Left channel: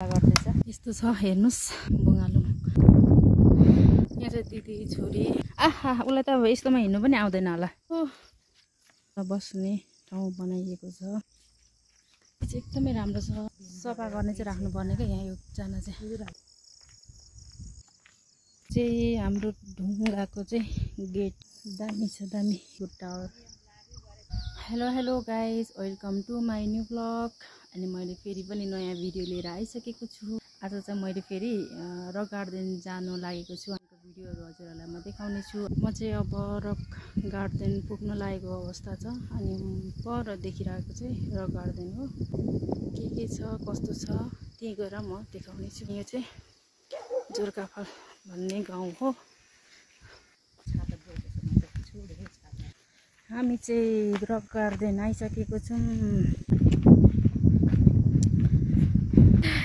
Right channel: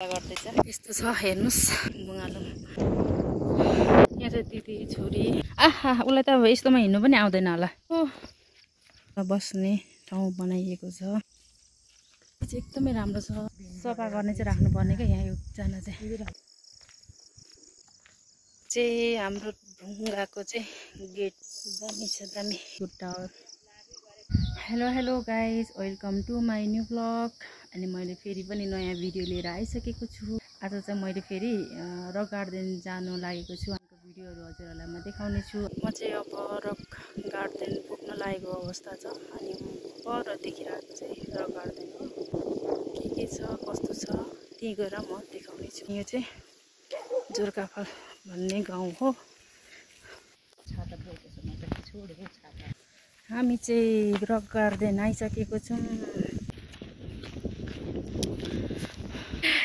गर्दैछ यस्तो छ हेर्नुस् बुङ्गालुङ यहाँ चाहिँ दिदी छोरी आहा उसलाई त अब यस्तोमा हिँड्नु पनि आउँदैन होला बस्ने ठाउँ बनाइएको छ एकदमै राम्रो छ सफा गर्ने चाहिँ राख्नुपर्ने क्या यहाँ एकजना चाहिँ हाम्रो ढुङ्गाको चाहिँ गेट दामी छ दामी good tower hello guys welcome to my new blog अनि मैले फेरि पनि नयाँ भिडियो लिएर आइसकेको छु आज चाहिँ मैले फेरि रक गार्डन जानु लागेको छु अनि भिडियोहरू हजुरहरूलाई म देखाउने छु म चाहिँ अब रक गार्डन पुग्न लागेको अवस्था छ अनि पर देखिरहेको चाहिँ रक गार्डन हो के छ कस्तो छ त्यही गएर म देखाउने छु यो चाहिँ जोरकाफल भन्ने गाउँ हो हामी चाहिँ रक गार्डन आइसकेको छौँ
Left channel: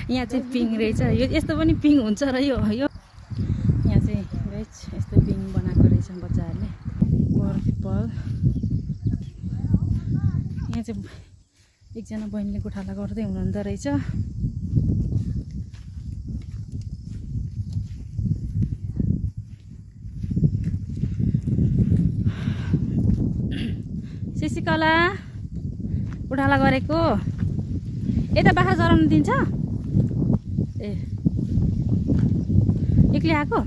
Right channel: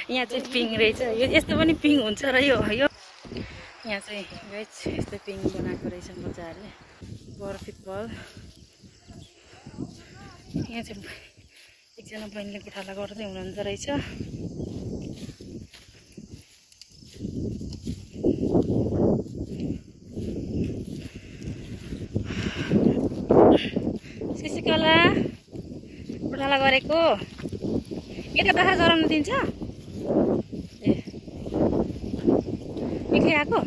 यहाँ चाहिँ पिङ रहेछ यो यस्तो पनि पिङ हुन्छ र यो यहाँ चाहिँ गाइस यस्तो पिङ बनाएको रहेछ बच्चाहरूले पर पिपल यहाँ चाहिँ एकजना बहिनीले गोठाला गर्दै हुनुहुँदो रहेछ सिसिकला गोठाला गरेको यता बाखा गराउनु दिन्छ ए एक्लै आएको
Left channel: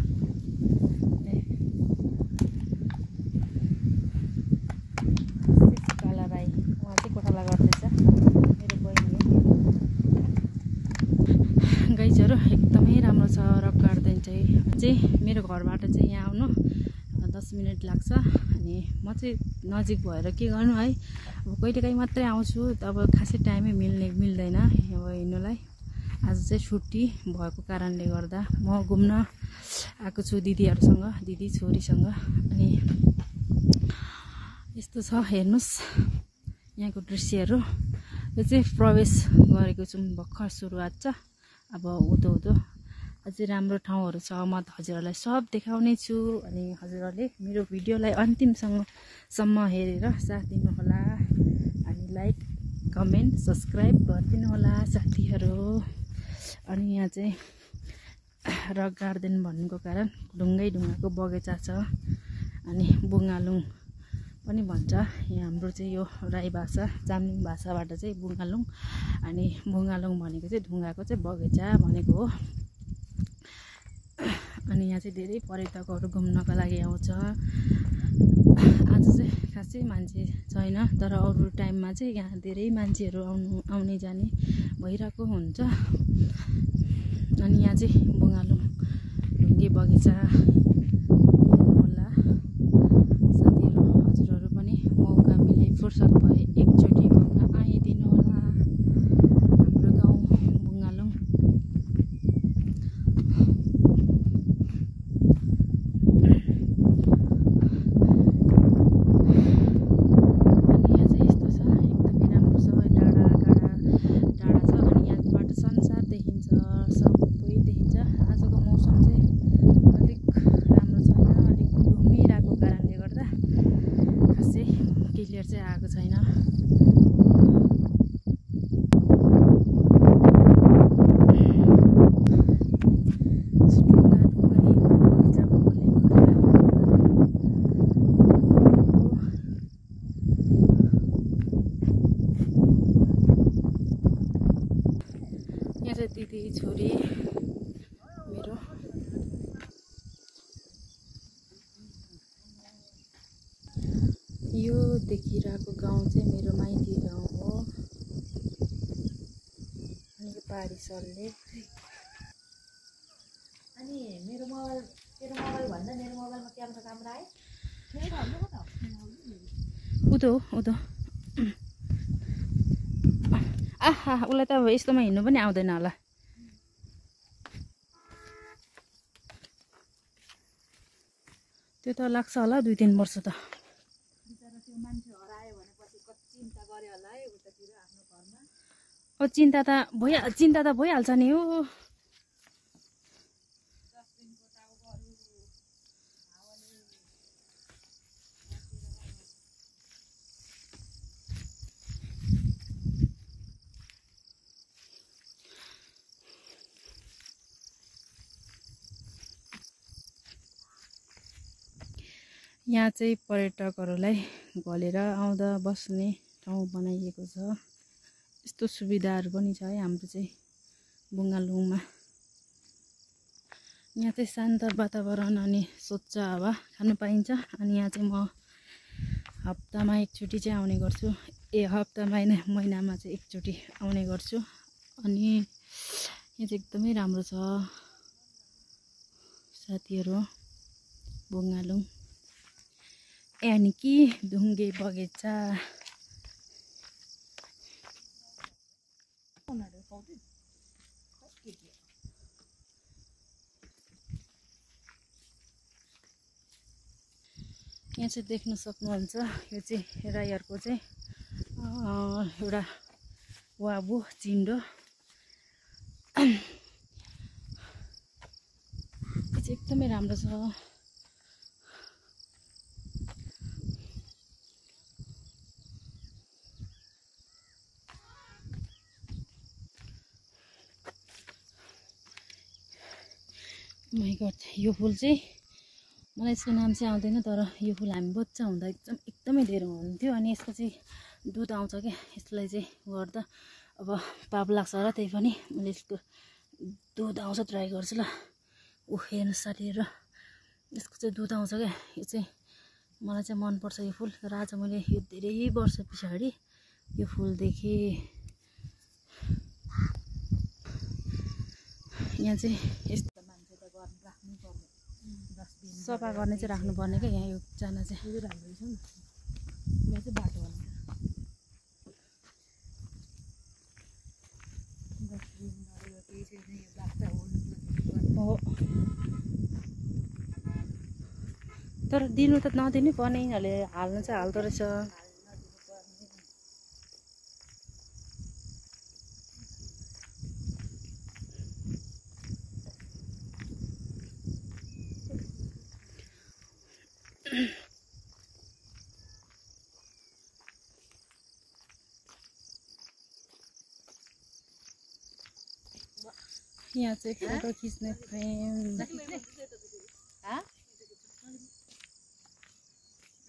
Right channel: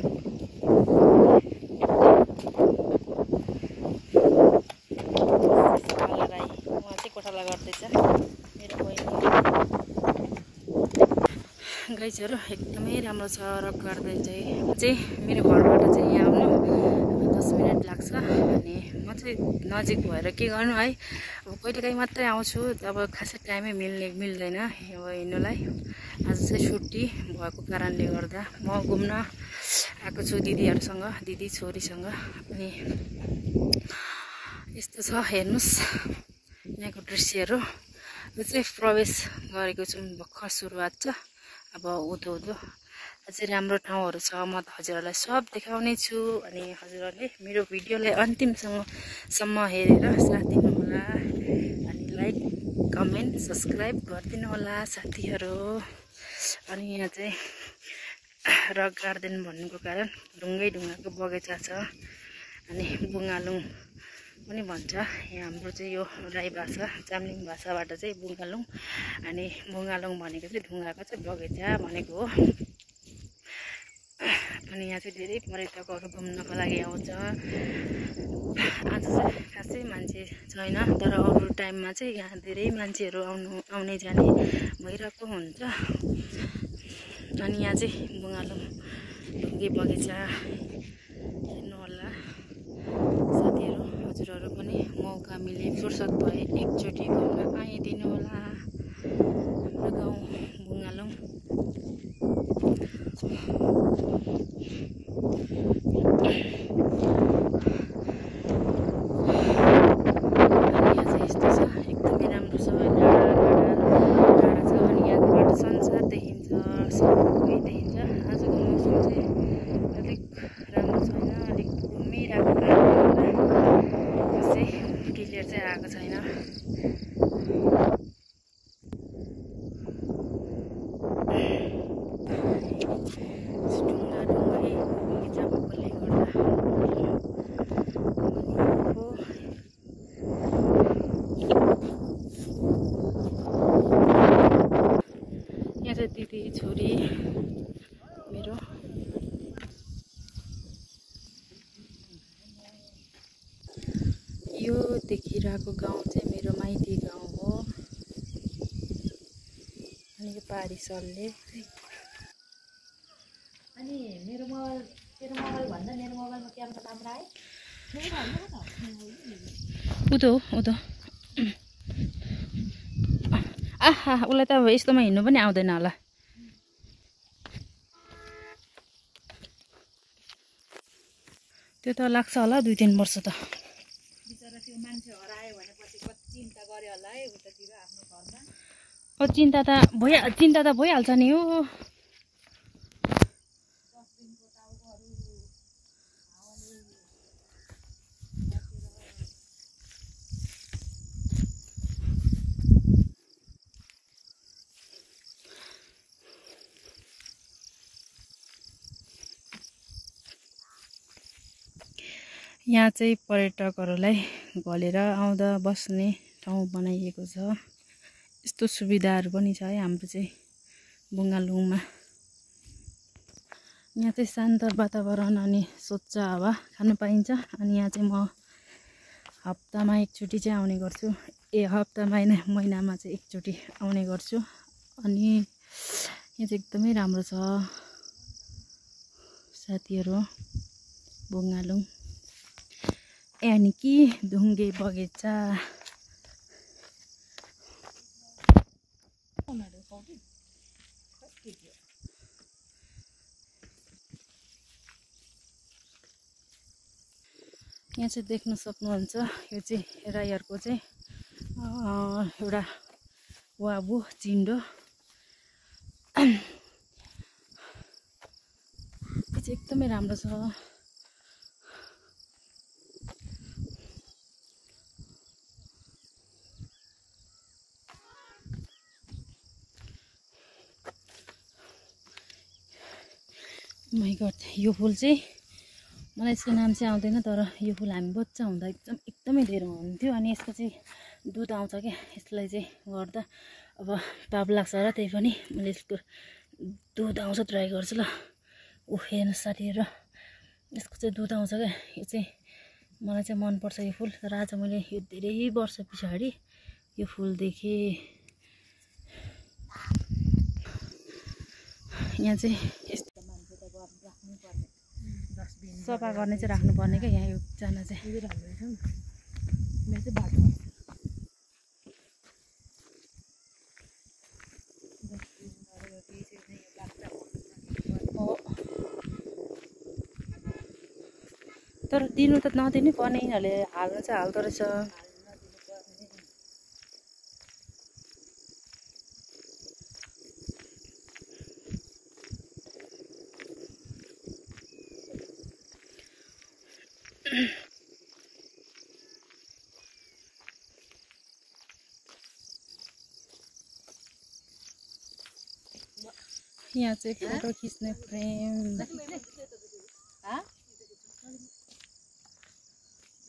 राई उहाँ चाहिँ गोठाला गर्दैछ मेरो बहिनी गाइजहरू एकदमै राम्रो छ रक गार्डन चाहिँ मेरो घरबाट चाहिँ यहाँ आउनु 10 मिनट लाग्छ अनि म चाहिँ नजिक भएर के गर्नु है अब कहिलेकाहीँ मात्रै आउँछु अब खासै टाइमै मिल्दैन अब हिँड्नुलाई आज चाहिँ छुट्टी भएको कारणले गर्दा म घुम्न आएको छु दिदीहरूसँग दिदी छोरीसँग अनि यस्तो छ हेर्नुस् यहाँको दृश्यहरू यो चाहिँ प्रवेश गरेको छौँ भर्खर सुरुवात छ अब उँधो अझै राम्रो ठाउँहरू छ म हजुरहरूलाई सब देखाउने छु अनि हजुरहरूले मेरो भिडियोलाई अन्तिमसम्म हेरेर साथ दिनुहोला अनि लाइक कमेन्ट सब्सक्राइब गरिदिनु होला साथीहरू अनि यहाँ चाहिँ रक गार्डन भन्नुको कारण ढुङ्गाको बगैँचा छ अनि बुङ्गालुङ पनि भन्छ यहाँ हाम्रो चाहिँ यो राई भाषा चाम्लिङ भाषाबाट चाहिँ बुङ्गालुङ अनि बुङ्गालुङ भनेको चाहिँ ढुङ्गाको चाहिँ बगैँचा भनेको हो अनि यहाँ चाहिँ धेरै पर्यटकहरू घुम्नको लागि आउँछ आज चाहिँ खासै मान्छे छैन तर अरू टाइममा चाहिँ यहाँ धेरै मान्छेहरू आउने जाने भइरहेको हुन्छ अनि यहाँ चाहिँ बुङ्गालुङ ढुङ्गे बगैँचा हेर्नुहोला साथीहरू हजुरहरू पनि मौका मिले फुर्सद भए एकचोटि घुम्न आइदिनु होला हाम्रो गाउँ बुङ्गालुङ आएको छैन ढुङ्गा बगैँचा भएकोले गर्दा यहाँ चाहिँ दिदी छोरी मेरो यो देखिरहेको गाउँ चाहिँ मेरो माइती गाउँ हो अनि यो पारी सरले अनि मेरो मोबाइल भन्दा मेरो मोबाइलमा क्यामेरा राम्रो आयो उतो आहा उसलाई त अब यस्तोमा हिँड्नु पनि आउँदैन होला त्यो त लाग्छ होला 2-3 वर्ष त मान्छे हरायो भनेपछि कति चिन्ता गर्यो होला है उतातिर आफ्नो घरमा चिन्ता त भइहाल्छ नि हो यहाँ चाहिँ पर्यटकहरूलाई घलेर आउँदा बस्ने ठाउँ बनाइएको छ। यस्तो सुविधाहरू पनि छ है हाम्रो चाहिँ बुङ्गालुङमा। यहाँ चाहिँ शान्त वातावरण अनि स्वच्छ हावा खानु पाइन्छ। अनि यहाँ चाहिँ म हप्तामा एकचोटि चाहिँ आउने गर्छु। हप्तामा होइन, महिनामा चाहिँ एकचोटि आउने गर्छु। अनि यहाँ चाहिँ एकदमै राम्रो छ साथीहरू बुङ्गालुङ यानि कि ढुङ्गे बगैँचा। यहाँ चाहिँ देख्न सक्नुहुन्छ यो चाहिँ राईहरूको चाहिँ एउटा वाबु चिन्डो। यो चाहिँ एकदमै राम्रो छ। माइ गड, यो फुल चाहिँ मलाई यसको नाम चाहिँ आउँदैन, तर यो फुल हामी बच्चा हुँदा एकदमै धेरै हुन्थ्यो। अनि यसको चाहिँ दुध आउँछ क्या, यसलाई चाहिँ गर्दा अब पाप लाग्छ र त्यही पनि मैले यसको दुध आउँछ ट्राई गर्छु ल। हेर्नु साथीहरू, यसको चाहिँ दुध आउँछ क्या। यो चाहिँ मलाई चाहिँ मनपर्छ यो फुल। तर आज मैले यो धेरै वर्ष पछाडि यो फुल देखेँ। यहाँ चाहिँ यस्तो सफा गर्ने चाहिँ राख्नुपर्ने क्या यहाँ एकजना चाहिँ। हो, तर दिनु त नदिनु पर्ने, यिनीहरूले हाल्नु चाहिँ हाल्दो रहेछ। यहाँ चाहिँ फोटो खिच्ने फ्रेम।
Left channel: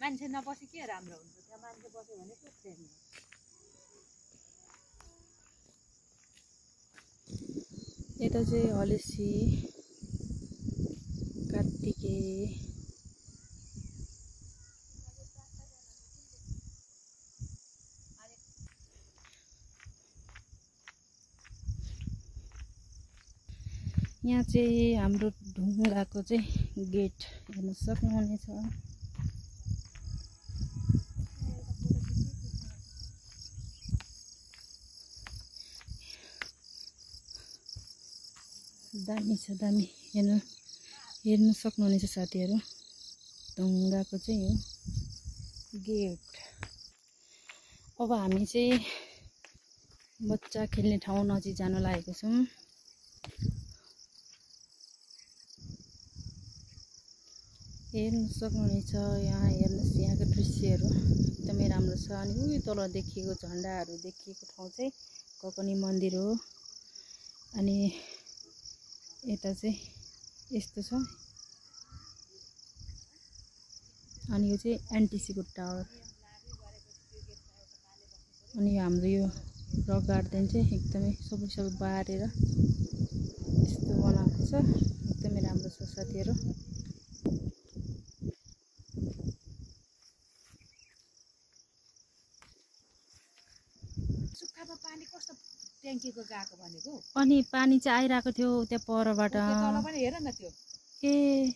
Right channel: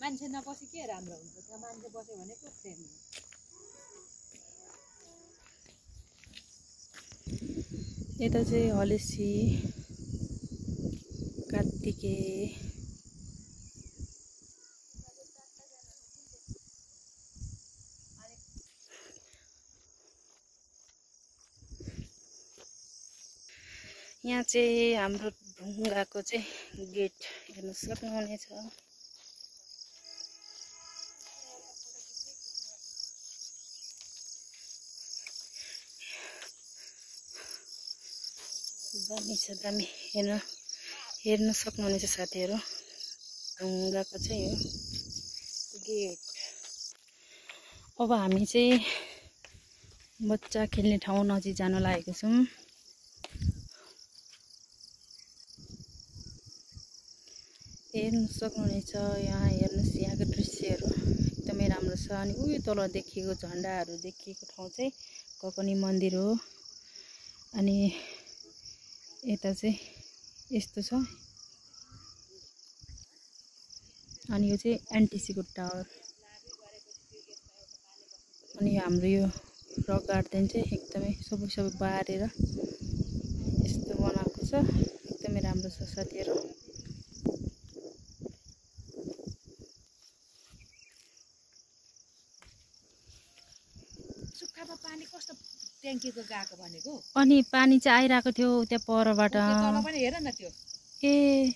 मान्छे नबसे के राम्रो हुन्छ, त्यहाँ मान्छे बस्यो भने पो फ्रेम हो। यता चाहिँ हलेसी कात्तिके यहाँ चाहिँ हाम्रो ढुङ्गाको चाहिँ गेट हेर्न सक्नुहुनेछ। दामी छ, दामी हेर्न सक्नुहुनेछ साथीहरू। ढुङ्गाको चाहिँ यो गेट। अब हामी चाहिँ बच्चा खेल्ने ठाउँ नजिक जान लागेको छौँ। हेर्न सक्नुहुनेछ, यहाँ हेर्नुहोस् यहाँको दृश्यहरू एकदमै राम्रो छ। अनि उयो तल देखिएको झन्डाहरू देखिएको ठाउँ चाहिँ ककनी मन्दिर हो। अनि यता चाहिँ यस्तो छ। अनि यो चाहिँ एनटिसीको टावर। अनि हाम्रो यो रक गार्डन चाहिँ एकदमै सबै बारेर यस्तो बनाएको छ। एकदमै राम्रो छ साथीहरू। सुक्खामा पानी कस्तो ट्याङ्कीको गएको भनेको। अनि पानी चाहिँ आइरहेको थियो त्यहाँ परबाट। तल पनि हेर न त्यो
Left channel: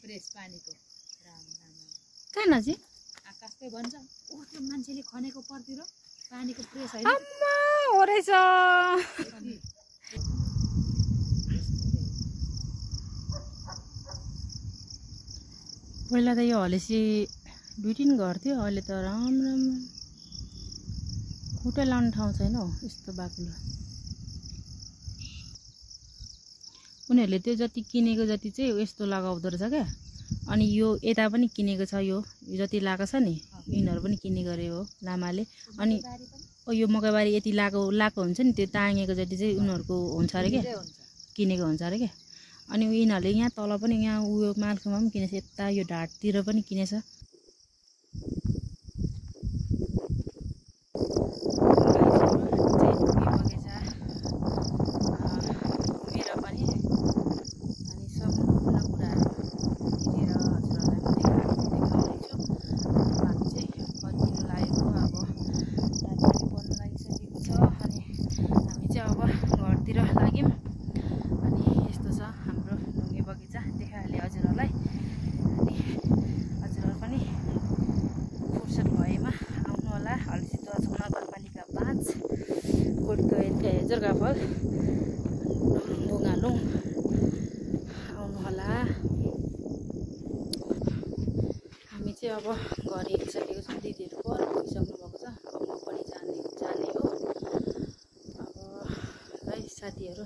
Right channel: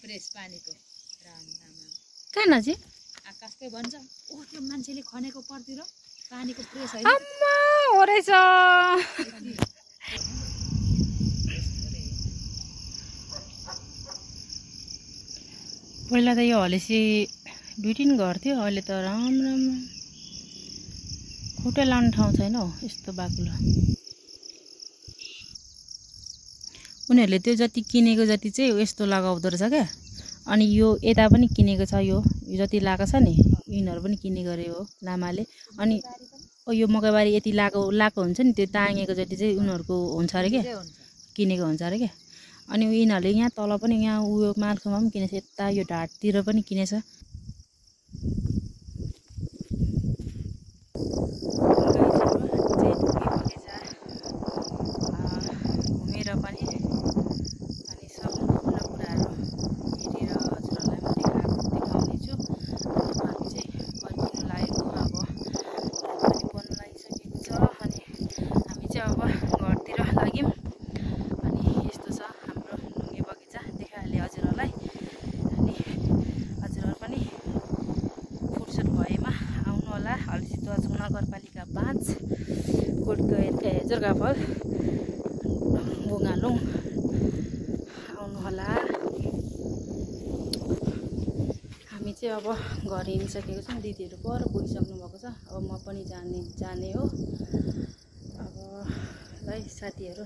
फ्रेस पानीको राम राम कहाँ नजिक आकाशकै भन्छ। ओ त्यो मान्छेले खनेको परतिर पानीको फ्रेस है। अम्मा हो रहेछ। पहिला त यो हलेसी 2-3 घर थियो, अहिले त राम राम खुट्टा लाउने ठाउँ छैन हौ यस्तो बाक्लो। उनीहरूले त्यो जति किनेको जति चाहिँ यस्तो लगाउँदो रहेछ क्या। अनि यो यता पनि किनेको छ, यो जति लगाएको छ नि यिनीहरू पनि किने गरे हो लामाले। अनि यो मकैबारी यति लाएको हुन्छ नि, त्यो ताँगेको जति चाहिँ उनीहरूको हुन्छ अरे क्या, किनेको हुन्छ अरे क्या। अनि यिनीहरूले यहाँ तल पनि यहाँ उयो मालकोमा पनि किनेछ, यता यो ढाडतिर पनि किनेछ। पनि अनि सम्पूर्ण कुराहरू हेरेर हजुरहरूलाई म देखाउने छु। अनि हामी चाहिँ फर्किनु लागेको अब पनि बन्नु लागिसकेको छ अनि हामी चाहिँ अब घरतिर लाग्यौँ। अनि यस्तो छ हाम्रो ढुङ्गे बगैँचा देखाइहालेँ हजुरहरूलाई। अनि हजुरहरू पनि फुर्सद भएमा आउनु होला। हल्सीदुवाचोक नगरपालिका 5 कोटगैर जर्गाफल बुङ्गालुङ आउनु होला। हामी चाहिँ अब घर हेरिसकेको छौँ। दिदीहरू पर पुगिसक्नु भएको छ। अब म पनि जाने हो। अब है साथीहरू